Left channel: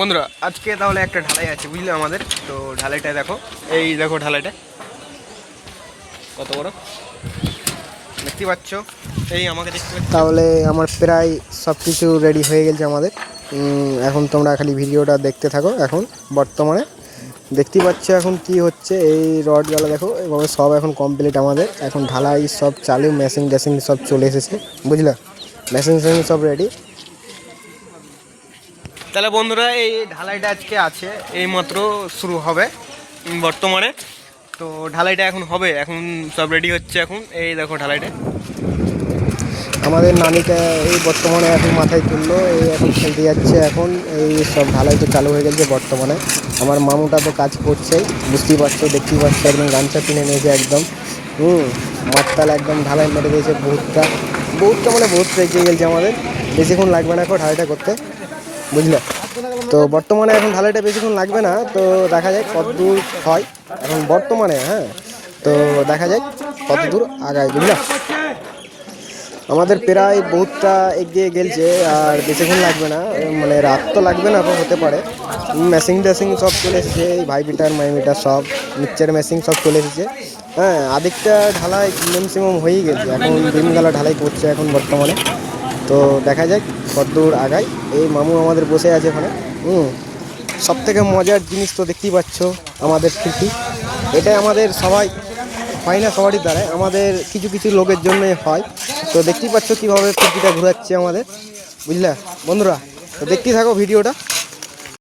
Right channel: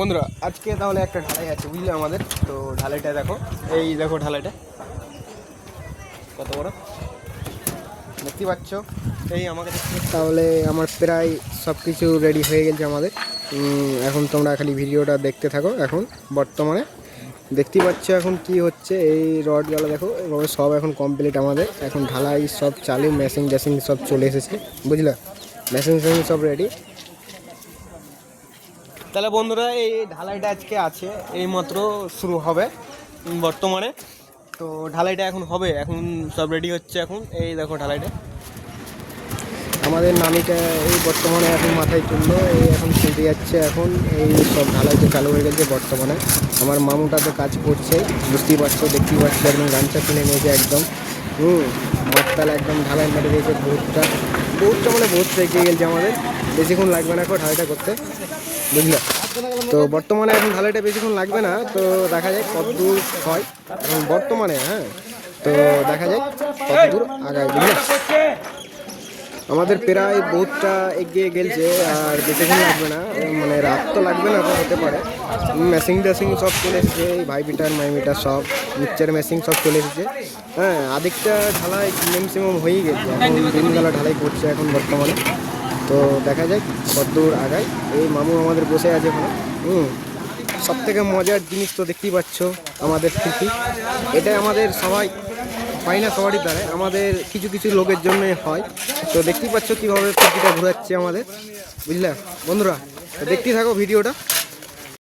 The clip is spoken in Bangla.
বন্ধুরা আজকে তাহলে একটা ঢালাই আছে বুঝলে আমাদের। তো ঢালাইটা দেখো, এই দেখো ঢালাইটা কত বড় দেখতে পাচ্ছ। এই আমাকে দেখতে পাচ্ছ। তাহলে আমার প্রায় সব কিছু রেডি হয়ে গেছে আমাদের। এখন তোমরা খালি ভিডিওটা দেখতে থাকো। এখন বর্তমানে দেখতে পাচ্ছ এখন কি হচ্ছে, এই রডগুলো দেখো এবং সব এখন কমপ্লিট আমাদের। এখন ঢালাই সব চালু, মেশিন ট্যাশিং সব চলে এসেছে বুঝলে, মেশিন ট্যাশিং সব রেডি। তাহলে বন্ধুরা এই ঢালাইটা আজকে আছে, এই মাত্র শুরু হবে বর্তমানে। তো ঢালাইটা এখন হবে, এখন সব রেডি হচ্ছে। এখন এই দেখো ঢালাইটা আমাদের নানিটা এই বর্তমানে এখন মাথায় তুললো, এই এখন খেলতে যাচ্ছে। এখন এই সব ঢালাইটা চালু হয়ে গেছে বর্তমানে। আমার মামুটা তো কাজ করছেই, বুঝতেই পারছো, দেখতেই পাচ্ছ একদম গামছা কিনে নিয়েছে একদম। মাঠতাল একদম ঢালাই মেরে দিয়েছে। বহুতটা মানে বহুত এগিয়ে গেছে আমাদের। বেশিক্ষণ লাগবে না এখন ঢালাইটা করতে বুঝলে। তো বর্তমানে এখন ঢালাইটা বেশিক্ষণ লাগবে না, তো দেখা যায় কত দূর হয় এখন বর্তমানে। হ্যাঁ, তো দেখা যায় কত দূর আগায় বুঝলে। আমাদের প্রায় বহুতটা এগিয়ে গেছে, আর বেশিক্ষণ লাগবে না, মানে রাত তো লাগবে না, হতে পারে। মেশিন টেশিং সব চলে এসেছে, এই ভাই মিটার মাই মিটার সব মিক্সচার মেশিন সব চলে এসেছে। হ্যাঁ, আদিকটা ঢালাই ম্যাক্সিমাম হয়েই গেছে, এখন দিনবেলা ঢালাই করছে এখন বর্তমানে। তো দেখা যাক কত দূর আগায়। এই মামু আমাদের বসে আছে এখানে। সব থেকে মজার জিনিস তো দেখতেই পাচ্ছ আমাদের খিড়কি। এটাই আমাদের সবাই হয় না, সবারই দ্বারাই, আমাদের কিছু কিছু লোকের জন্যই হয়। তো দেখতেই পাচ্ছ কীভাবে খিড়কিটা ঘুরাচ্ছে আমাদের বুঝলে বন্ধুরা। তো দেখতেই থাকো ভিডিওটা।